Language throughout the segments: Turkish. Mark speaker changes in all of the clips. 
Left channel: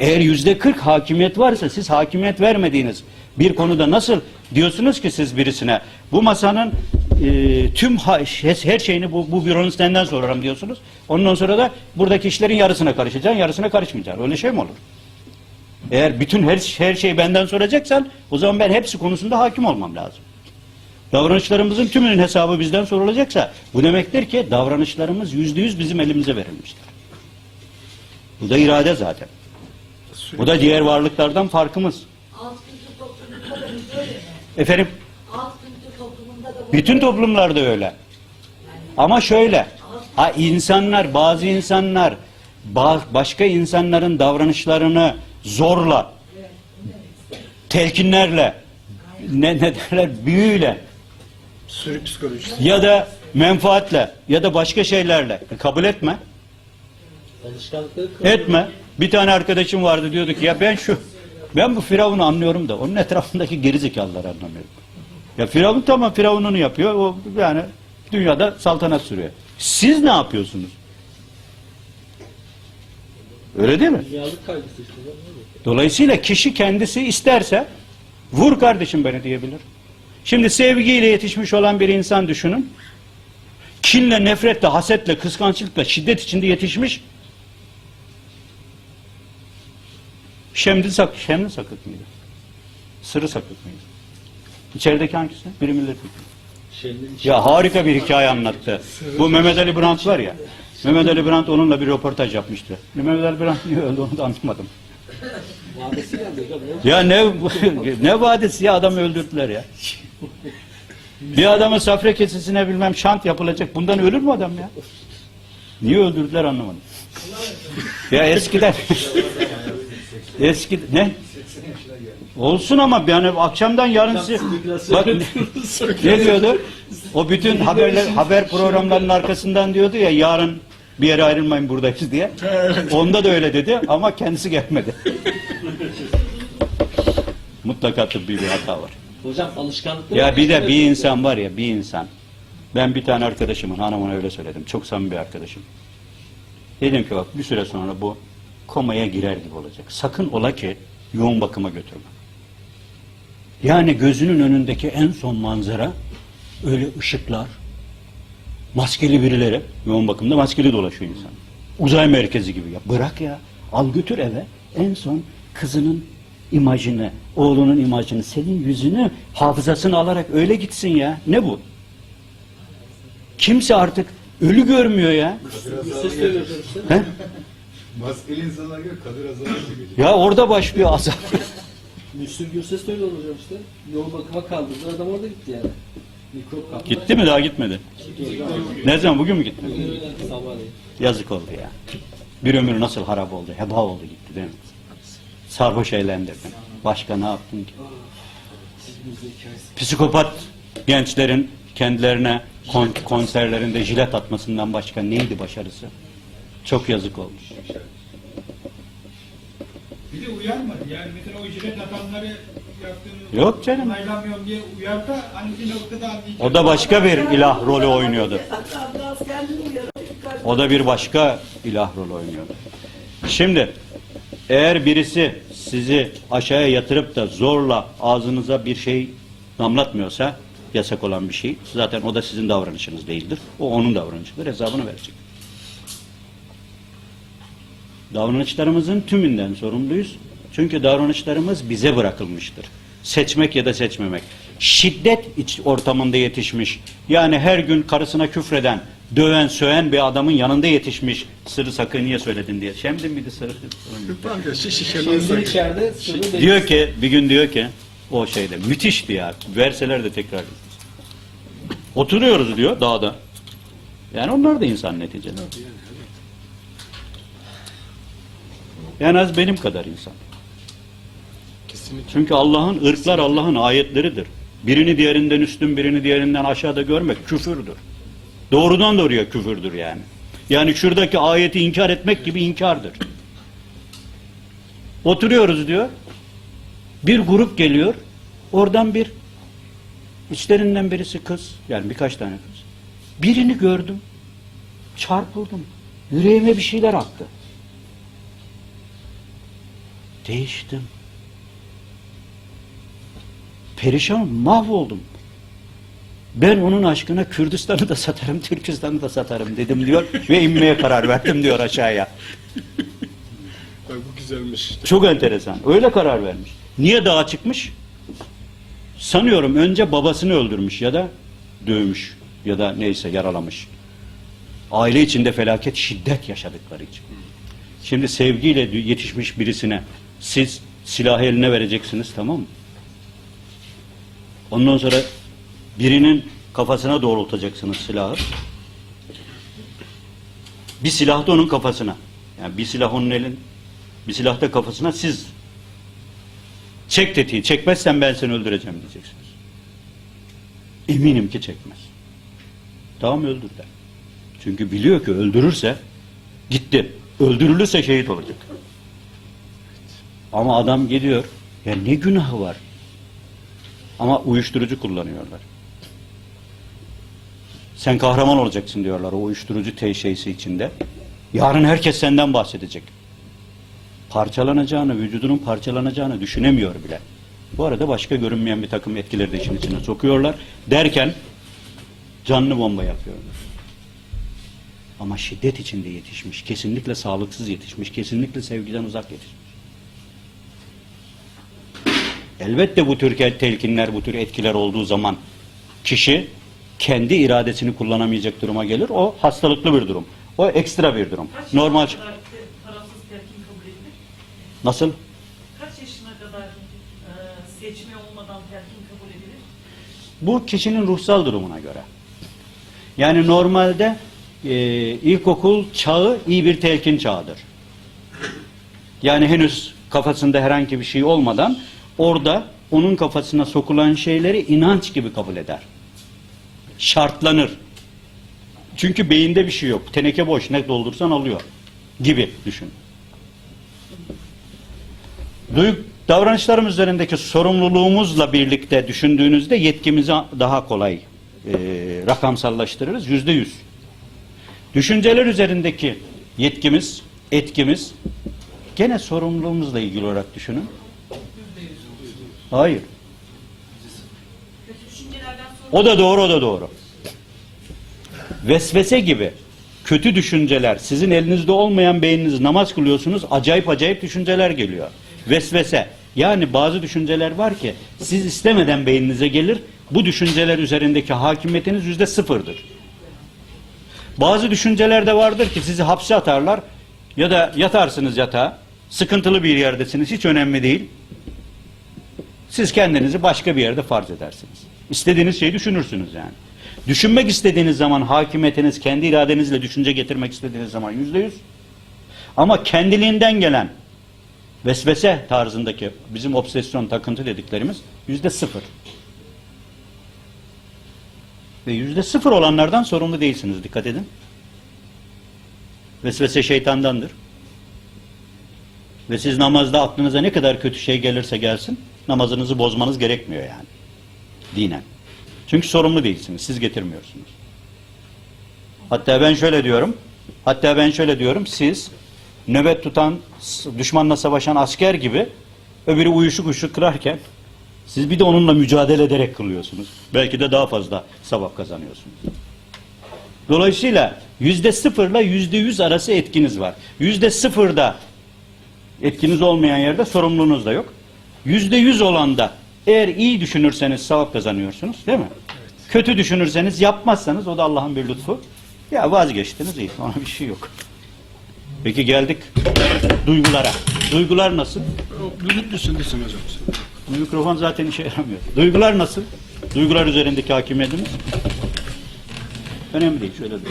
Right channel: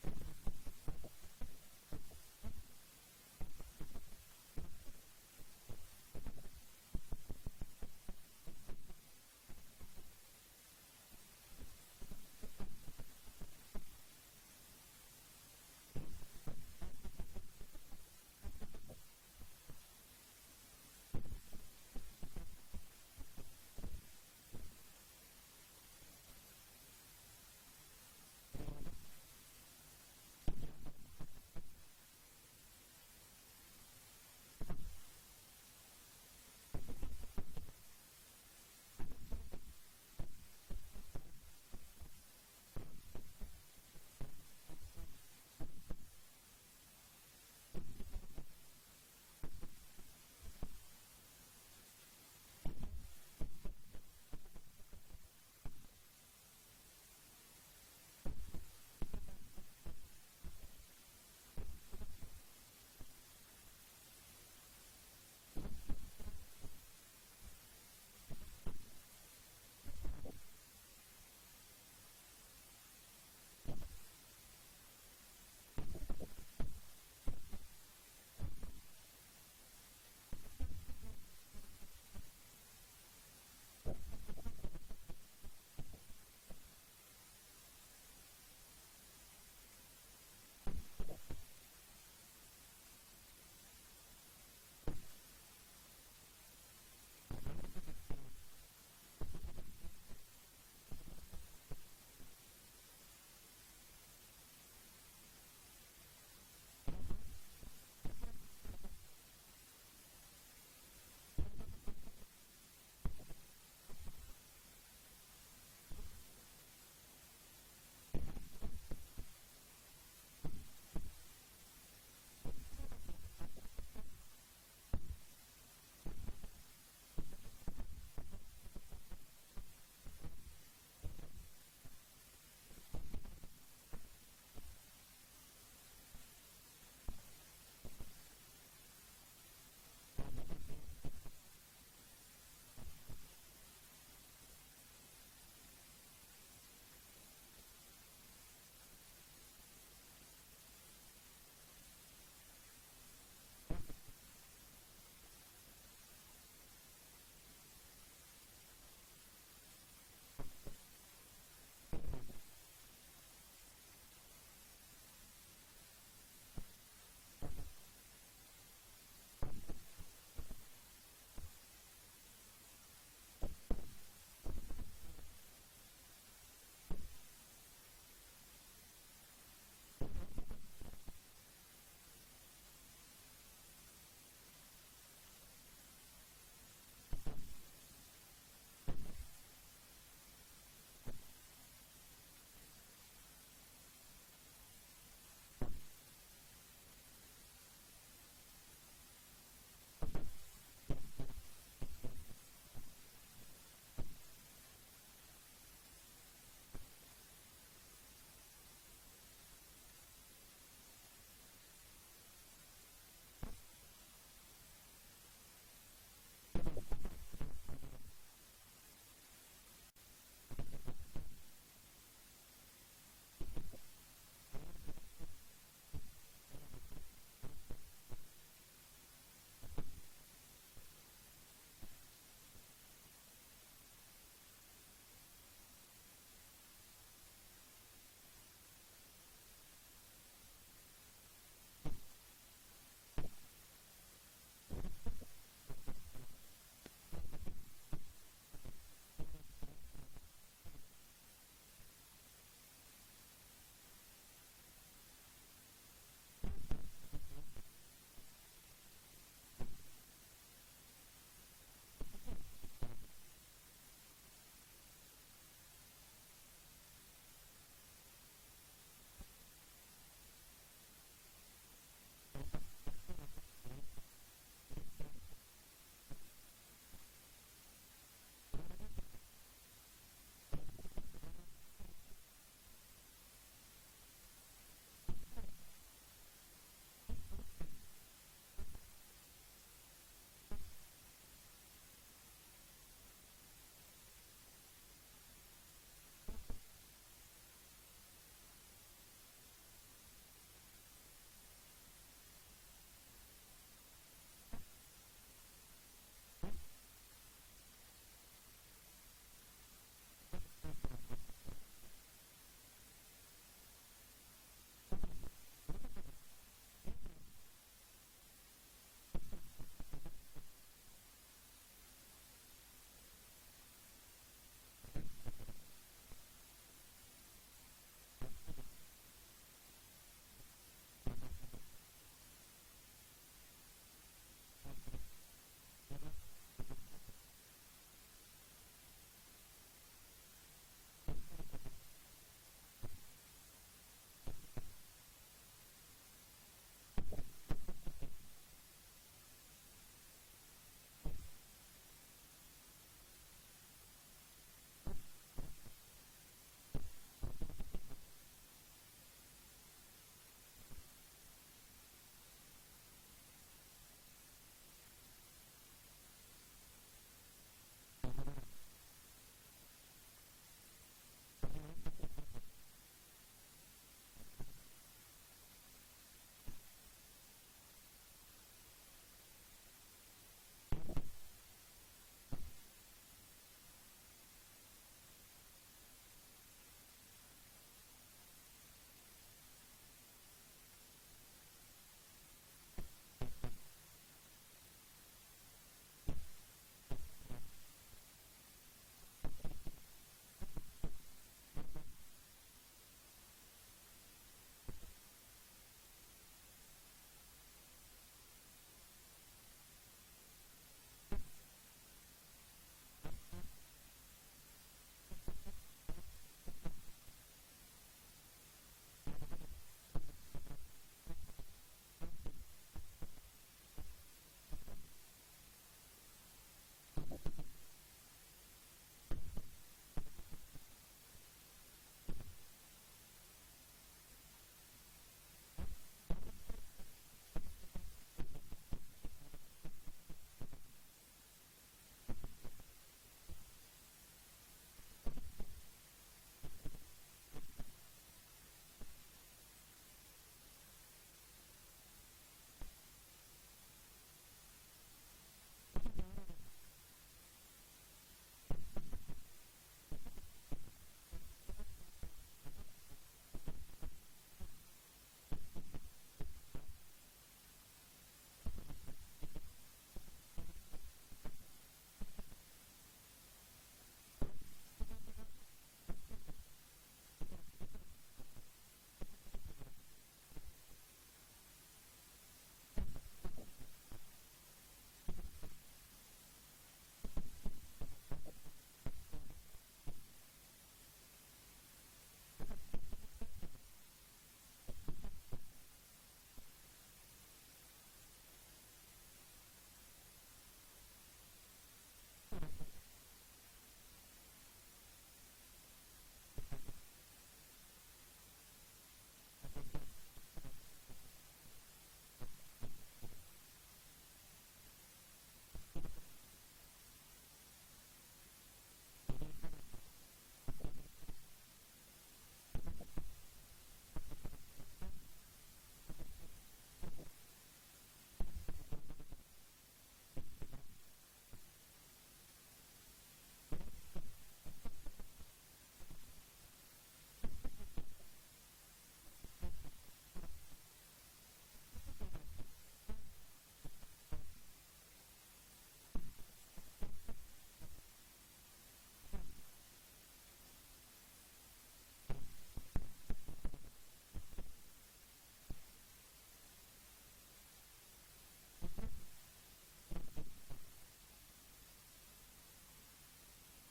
Speaker 1: Eğer yüzde kırk hakimiyet varsa siz hakimiyet vermediğiniz bir konuda nasıl diyorsunuz ki siz birisine bu masanın e, tüm ha- her şeyini bu, bu büronun senden sorarım diyorsunuz. Ondan sonra da buradaki işlerin yarısına karışacaksın, yarısına karışmayacaksın. Öyle şey mi olur? Eğer bütün her, her şeyi benden soracaksan o zaman ben hepsi konusunda hakim olmam lazım. Davranışlarımızın tümünün hesabı bizden sorulacaksa bu demektir ki davranışlarımız yüzde yüz bizim elimize verilmiştir. Bu da irade zaten. Bu da diğer varlıklardan farkımız.
Speaker 2: Alt kültür toplumunda da biz öyle mi?
Speaker 1: Efendim
Speaker 2: Alt kültür toplumunda da bu
Speaker 1: bütün toplumlarda öyle. Ama şöyle, ha insanlar, bazı insanlar ba- başka insanların davranışlarını zorla, telkinlerle, ne, ne derler, büyüyle
Speaker 3: Sürü psikolojisi.
Speaker 1: ya da menfaatle ya da başka şeylerle kabul etme.
Speaker 4: Alışkanlıkları
Speaker 1: Etme. Bir tane arkadaşım vardı diyordu ki ya ben şu ben bu Firavun'u anlıyorum da onun etrafındaki gerizekalıları anlamıyorum. Ya Firavun tamam Firavun'unu yapıyor. O yani dünyada saltanat sürüyor. Siz ne yapıyorsunuz? Öyle değil mi? Dolayısıyla kişi kendisi isterse vur kardeşim beni diyebilir. Şimdi sevgiyle yetişmiş olan bir insan düşünün. Kinle, nefretle, hasetle, kıskançlıkla, şiddet içinde yetişmiş. Şemdin, sak Şemdin sakık mıydı? Sırrı sakık mıydı? İçerideki hangisi? Biri milletvekili. Ya harika bir hikaye anlattı. Bu Mehmet Ali Brandt var ya. Mehmet Ali Brandt onunla bir röportaj yapmıştı. Mehmet Ali Brandt niye öldü onu da anlamadım.
Speaker 4: vadesi
Speaker 1: Ya ne ne vadisi ya adamı öldürdüler ya. Bir adamın safra kesesine bilmem şant yapılacak. Bundan ölür mü adam ya? Niye öldürdüler anlamadım. Ya eskiden eski ne? Olsun ama yani akşamdan yarınsı bak ne diyordu? O bütün haberler haber programlarının arkasından diyordu ya yarın bir yere ayrılmayın buradayız diye. Onda da öyle dedi ama kendisi gelmedi. Mutlaka tıbbi bir hata var.
Speaker 4: Hocam alışkanlıkları...
Speaker 1: Ya bir de bir insan var ya bir insan. Ben bir tane arkadaşımın hanımına öyle söyledim. Çok samimi bir arkadaşım. Dedim ki bak bir süre sonra bu komaya girer gibi olacak. Sakın ola ki yoğun bakıma götürme. Yani gözünün önündeki en son manzara öyle ışıklar, maskeli birileri, yoğun bakımda maskeli dolaşıyor insan. Uzay merkezi gibi ya. Bırak ya. Al götür eve. En son kızının imajını, oğlunun imajını, senin yüzünü, hafızasını alarak öyle gitsin ya. Ne bu? Kimse artık ölü görmüyor ya. He?
Speaker 5: Maskeli insanlar gibi Kadir Azar'a geliyor.
Speaker 1: Ya orada başlıyor azap.
Speaker 4: Müslüm Gürses de öyle hocam işte. Yoğun bakıma kaldırdı. Adam orada gitti yani. Mikrop kaptı.
Speaker 1: Gitti mi daha gitmedi? Ne zaman bugün mü
Speaker 4: öyle sabahleyin.
Speaker 1: Yazık oldu ya. Bir ömür nasıl harap oldu, heba oldu gitti değil mi? Sarhoş eğlendirdin. Başka ne yaptın ki? Psikopat gençlerin kendilerine kon- konserlerinde jilet atmasından başka neydi başarısı? Çok yazık olmuş.
Speaker 6: Bir de uyarmadı. Yani mesela o ücret atanları yaptığınız
Speaker 1: Yok canım.
Speaker 6: onaylamıyorum diye uyar da hani bir noktada anlayacak.
Speaker 1: O da başka bir ilah rolü oynuyordu. O da bir başka ilah rolü oynuyordu. Şimdi eğer birisi sizi aşağıya yatırıp da zorla ağzınıza bir şey damlatmıyorsa yasak olan bir şey zaten o da sizin davranışınız değildir. O onun davranışıdır. Hesabını verecek. Davranışlarımızın tümünden sorumluyuz. Çünkü davranışlarımız bize bırakılmıştır. Seçmek ya da seçmemek. Şiddet iç ortamında yetişmiş. Yani her gün karısına küfreden, döven, söven bir adamın yanında yetişmiş. Sırrı sakın niye söyledin diye. Şemdin miydi sırrı?
Speaker 3: Mazda.
Speaker 4: içeride sırrı
Speaker 1: Diyor ki, bir gün diyor ki, o şeyde müthişti ya. Verseler de tekrar. Oturuyoruz diyor dağda. Yani onlar da insan neticede. En az benim kadar insan.
Speaker 3: Kesinlikle.
Speaker 1: Çünkü Allah'ın ırklar Allah'ın ayetleridir. Birini diğerinden üstün, birini diğerinden aşağıda görmek küfürdür. Doğrudan doğruya küfürdür yani. Yani şuradaki ayeti inkar etmek gibi inkardır. Oturuyoruz diyor. Bir grup geliyor. Oradan bir içlerinden birisi kız. Yani birkaç tane kız. Birini gördüm. Çarpıldım. Yüreğime bir şeyler aktı. Değiştim. Perişan, mahvoldum. Ben onun aşkına Kürdistan'ı da satarım, Türkistan'ı da satarım dedim diyor ve inmeye karar verdim diyor aşağıya.
Speaker 3: Bak bu güzelmiş.
Speaker 1: Çok enteresan. Öyle karar vermiş. Niye dağa çıkmış? Sanıyorum önce babasını öldürmüş ya da dövmüş ya da neyse yaralamış. Aile içinde felaket, şiddet yaşadıkları için. Şimdi sevgiyle yetişmiş birisine siz silahı eline vereceksiniz tamam mı? Ondan sonra birinin kafasına doğrultacaksınız silahı. Bir silah da onun kafasına. Yani bir silah onun elin, bir silah da kafasına siz çek tetiği, çekmezsen ben seni öldüreceğim diyeceksiniz. Eminim ki çekmez. Tamam öldür der. Çünkü biliyor ki öldürürse gitti. Öldürülürse şehit olacak. Ama adam gidiyor. Ya ne günahı var? Ama uyuşturucu kullanıyorlar. Sen kahraman olacaksın diyorlar o uyuşturucu te şeysi içinde. Yarın herkes senden bahsedecek. Parçalanacağını, vücudunun parçalanacağını düşünemiyor bile. Bu arada başka görünmeyen bir takım etkileri de işin içine sokuyorlar. Derken canlı bomba yapıyorlar. Ama şiddet içinde yetişmiş, kesinlikle sağlıksız yetişmiş, kesinlikle sevgiden uzak yetişmiş. Elbette bu tür telkinler, bu tür etkiler olduğu zaman kişi kendi iradesini kullanamayacak duruma gelir. O hastalıklı bir durum. O ekstra bir durum.
Speaker 7: Kaç
Speaker 1: Normal.
Speaker 7: kadar tarafsız telkin kabul edilir?
Speaker 1: Nasıl?
Speaker 7: Kaç yaşına kadar e, seçme olmadan telkin kabul edilir?
Speaker 1: Bu kişinin ruhsal durumuna göre. Yani normalde e, ilkokul çağı iyi bir telkin çağıdır. Yani henüz kafasında herhangi bir şey olmadan orada onun kafasına sokulan şeyleri inanç gibi kabul eder. Şartlanır. Çünkü beyinde bir şey yok. Teneke boş ne doldursan alıyor gibi düşün. Duygu, davranışlarımız üzerindeki sorumluluğumuzla birlikte düşündüğünüzde yetkimizi daha kolay e, rakamsallaştırırız. Yüzde yüz. Düşünceler üzerindeki yetkimiz, etkimiz gene sorumluluğumuzla ilgili olarak düşünün. Hayır. O da doğru, o da doğru. Vesvese gibi kötü düşünceler, sizin elinizde olmayan beyniniz namaz kılıyorsunuz, acayip acayip düşünceler geliyor. Vesvese. Yani bazı düşünceler var ki siz istemeden beyninize gelir, bu düşünceler üzerindeki hakimiyetiniz yüzde sıfırdır. Bazı düşünceler de vardır ki sizi hapse atarlar ya da yatarsınız yatağa, sıkıntılı bir yerdesiniz, hiç önemli değil. Siz kendinizi başka bir yerde farz edersiniz. İstediğiniz şeyi düşünürsünüz yani. Düşünmek istediğiniz zaman hakimiyetiniz, kendi iradenizle düşünce getirmek istediğiniz zaman yüzde yüz. Ama kendiliğinden gelen vesvese tarzındaki bizim obsesyon, takıntı dediklerimiz yüzde sıfır. Ve yüzde sıfır olanlardan sorumlu değilsiniz. Dikkat edin. Vesvese şeytandandır. Ve siz namazda aklınıza ne kadar kötü şey gelirse gelsin, namazınızı bozmanız gerekmiyor yani. Dinen. Çünkü sorumlu değilsiniz. Siz getirmiyorsunuz. Hatta ben şöyle diyorum. Hatta ben şöyle diyorum. Siz nöbet tutan, düşmanla savaşan asker gibi öbürü uyuşuk uyuşuk kırarken siz bir de onunla mücadele ederek kılıyorsunuz. Belki de daha fazla sevap kazanıyorsunuz. Dolayısıyla yüzde sıfırla yüzde yüz arası etkiniz var. Yüzde sıfırda etkiniz olmayan yerde sorumluluğunuz da yok. Yüzde yüz olanda eğer iyi düşünürseniz sevap kazanıyorsunuz değil mi? Kötü düşünürseniz yapmazsanız o da Allah'ın bir lütfu. Ya vazgeçtiniz iyi ona bir şey yok. Peki geldik duygulara. Duygular nasıl?
Speaker 3: Bluetooth'lusun desin hocam.
Speaker 1: Mikrofon zaten işe yaramıyor. Duygular nasıl? Duygular üzerindeki hakimiyetimiz? Önemli değil. Şöyle dur.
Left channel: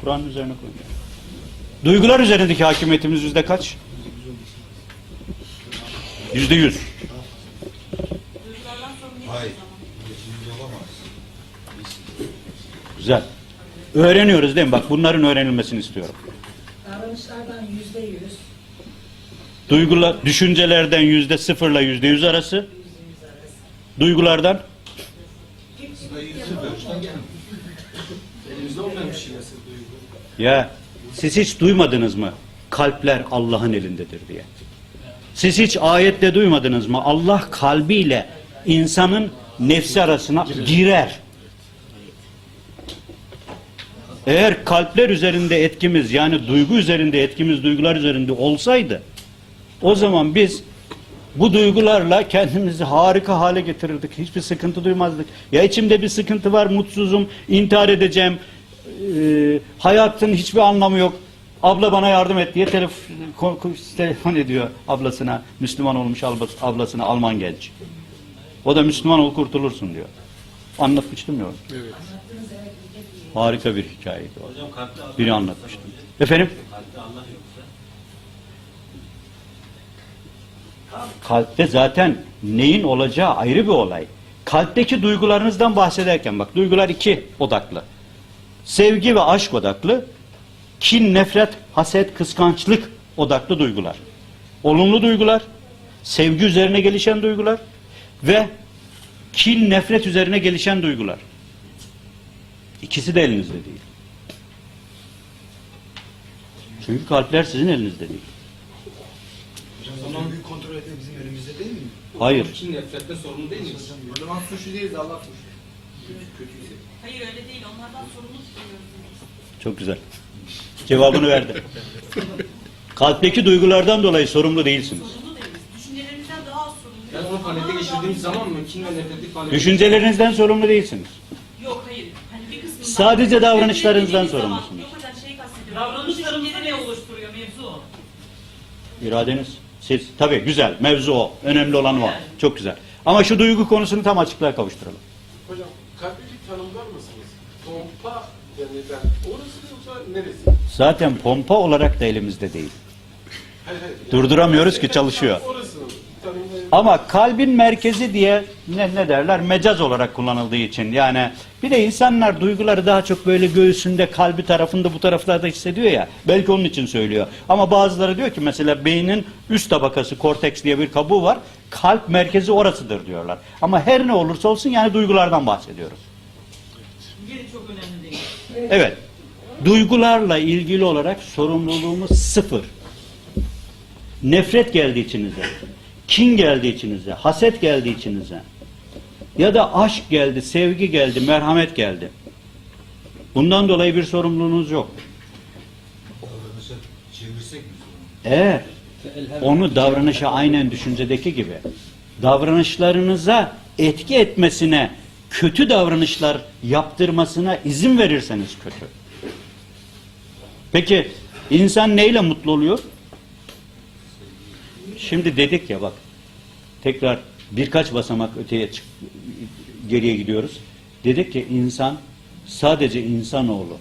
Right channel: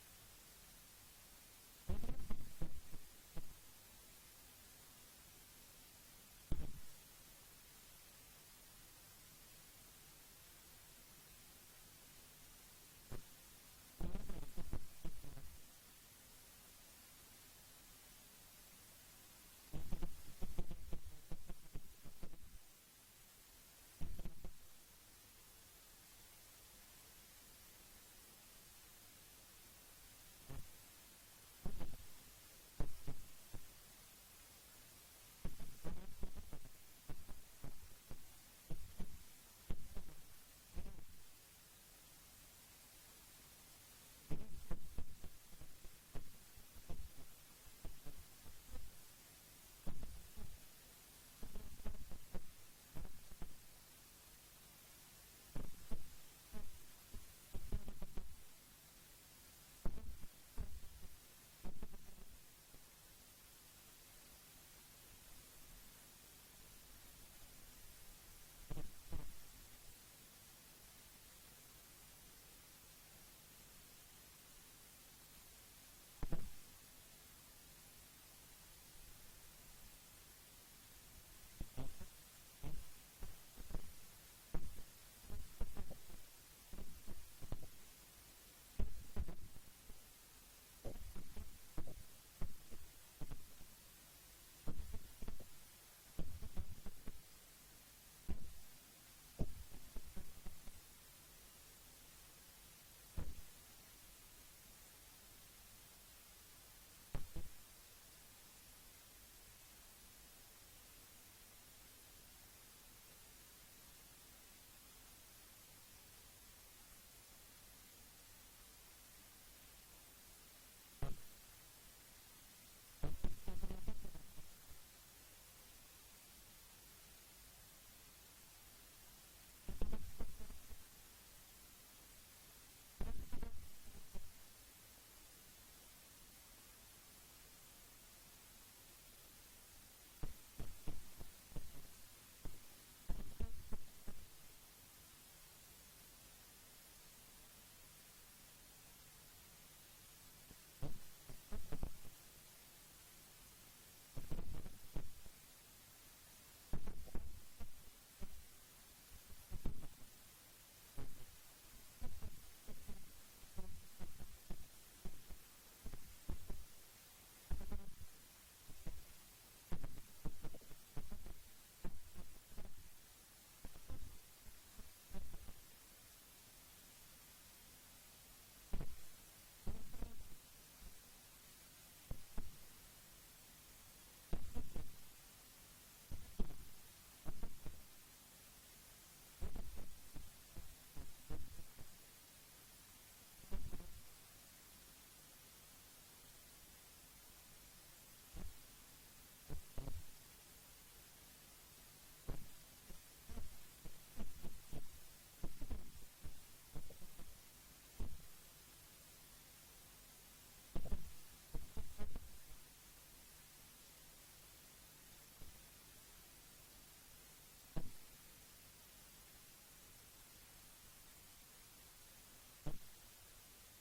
Speaker 1: Kur'an'ın üzerine koyun. Duygular üzerindeki hakimiyetimiz yüzde kaç? Yüzde yüz. Güzel. Öğreniyoruz değil mi? Bak bunların öğrenilmesini istiyorum.
Speaker 2: Davranışlardan yüzde yüz,
Speaker 1: Duygular, düşüncelerden yüzde sıfırla yüzde yüz arası. Duygulardan ya siz hiç duymadınız mı? kalpler Allah'ın elindedir diye. Siz hiç ayette duymadınız mı? Allah kalbiyle insanın nefsi arasına girer. Eğer kalpler üzerinde etkimiz yani duygu üzerinde etkimiz duygular üzerinde olsaydı o zaman biz bu duygularla kendimizi harika hale getirirdik. Hiçbir sıkıntı duymazdık. Ya içimde bir sıkıntı var, mutsuzum, intihar edeceğim. Ee, hayatın hiçbir anlamı yok. Abla bana yardım et diye telef telefon ediyor ablasına. Müslüman olmuş ablası- ablasına Alman genç. O da Müslüman ol kurtulursun diyor. Anlatmıştım ya.
Speaker 3: Evet.
Speaker 1: Harika bir hikayeydi o. Biri anlatmıştım. Efendim? Kalpte zaten neyin olacağı ayrı bir olay. Kalpteki duygularınızdan bahsederken bak duygular iki odaklı. Sevgi ve aşk odaklı. Kin, nefret, haset, kıskançlık odaklı duygular. Olumlu duygular, sevgi üzerine gelişen duygular ve kin, nefret üzerine gelişen duygular. İkisi de elinizde değil. Çünkü kalpler sizin elinizde değil.
Speaker 5: Zaman büyük kontrol etmek bizim elimizde değil mi?
Speaker 1: Hayır.
Speaker 4: Kim nefretle sorumlu değil miyiz?
Speaker 5: O zaman suçlu değiliz Allah suçlu.
Speaker 7: Hayır öyle değil. Onlardan sorumlu tutuyoruz.
Speaker 1: Çok güzel. Cevabını verdi. Kalpteki duygulardan dolayı sorumlu değilsiniz.
Speaker 7: Düşüncelerimizden daha az
Speaker 4: zaman mı? Kin ve panelde...
Speaker 1: Düşüncelerinizden sorumlu değilsiniz.
Speaker 7: Yok hayır. Hani bir kısmından...
Speaker 1: Sadece davranışlarınızdan
Speaker 7: Dediğiniz zaman-
Speaker 1: sorumlusunuz.
Speaker 7: Yok hocam kastediyorum. Davranışlarımızı ne oluşturuyor mevzu o.
Speaker 1: İradeniz. Siz. Tabii güzel. Mevzu o. Önemli olan o. Çok güzel. Ama şu duygu konusunu tam açıklığa kavuşturalım.
Speaker 3: Hocam kalbi bir tanımlar mısınız? Pompa denilen orası yoksa neresi?
Speaker 1: Zaten pompa olarak da elimizde değil.
Speaker 3: Hayır hayır.
Speaker 1: Durduramıyoruz ki çalışıyor.
Speaker 3: Orası.
Speaker 1: Ama kalbin merkezi diye ne, ne derler mecaz olarak kullanıldığı için yani bir de insanlar duyguları daha çok böyle göğsünde kalbi tarafında bu taraflarda hissediyor ya belki onun için söylüyor ama bazıları diyor ki mesela beynin üst tabakası korteks diye bir kabuğu var kalp merkezi orasıdır diyorlar ama her ne olursa olsun yani duygulardan bahsediyoruz.
Speaker 7: Yeri çok önemli değil.
Speaker 1: Evet duygularla ilgili olarak sorumluluğumuz sıfır. Nefret geldi içinize. Kin geldi içinize. Haset geldi içinize. Ya da aşk geldi, sevgi geldi, merhamet geldi. Bundan dolayı bir sorumluluğunuz yok. Eğer onu davranışa aynen düşüncedeki gibi davranışlarınıza etki etmesine kötü davranışlar yaptırmasına izin verirseniz kötü. Peki insan neyle mutlu oluyor? Şimdi dedik ya bak tekrar birkaç basamak öteye çık, geriye gidiyoruz. Dedik ki insan sadece insanoğlu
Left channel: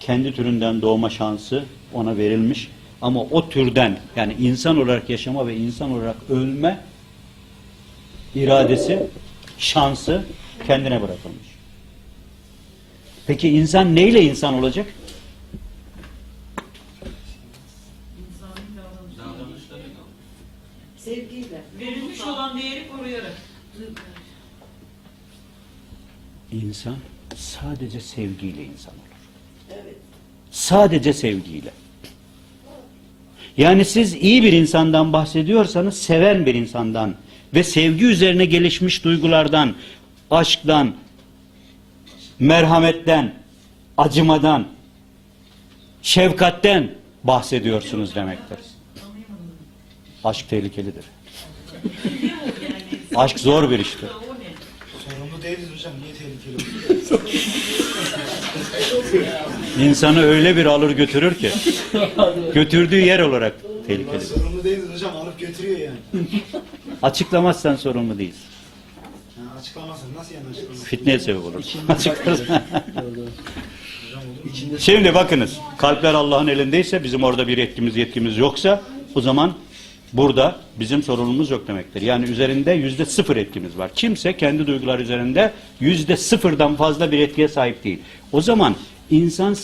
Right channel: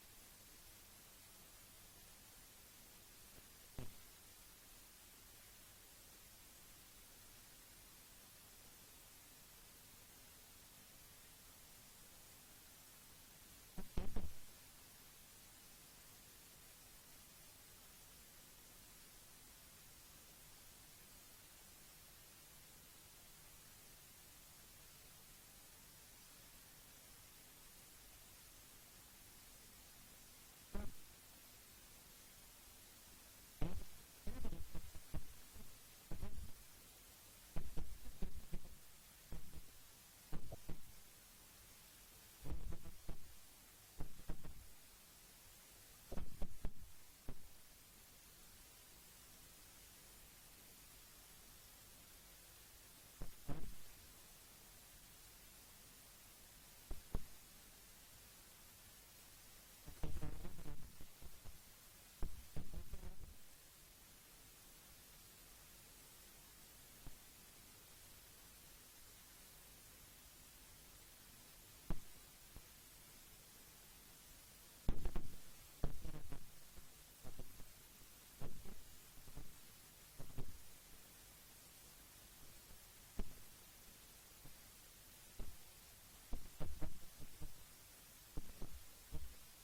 Speaker 1: kendi türünden doğma şansı ona verilmiş ama o türden yani insan olarak yaşama ve insan olarak ölme iradesi, şansı kendine bırakılmış. Peki insan neyle insan olacak?
Speaker 2: Sevgiyle.
Speaker 7: Verilmiş olan değeri koruyarak.
Speaker 1: İnsan sadece sevgiyle insan olur.
Speaker 2: Evet.
Speaker 1: Sadece sevgiyle. Yani siz iyi bir insandan bahsediyorsanız seven bir insandan ve sevgi üzerine gelişmiş duygulardan, aşktan, merhametten, acımadan, şefkatten bahsediyorsunuz demektir. Aşk tehlikelidir. Aşk zor bir iştir.
Speaker 5: Sorumlu değiliz hocam. Niye tehlikeli?
Speaker 1: İnsanı öyle bir alır götürür ki götürdüğü yer olarak tehlikelidir.
Speaker 5: Sorumlu değiliz hocam. Alıp götürüyor yani.
Speaker 1: Açıklamazsan sorumlu değilsin.
Speaker 5: yani açıklamazsın. Nasıl yani açıklamazsın?
Speaker 1: Fitneye sebep olur. Açıklarsan. Şimdi bakınız kalpler Allah'ın elindeyse bizim orada bir yetkimiz yetkimiz yoksa o zaman burada bizim sorumluluğumuz yok demektir. Yani üzerinde yüzde sıfır etkimiz var. Kimse kendi duygular üzerinde yüzde sıfırdan fazla bir etkiye sahip değil. O zaman insan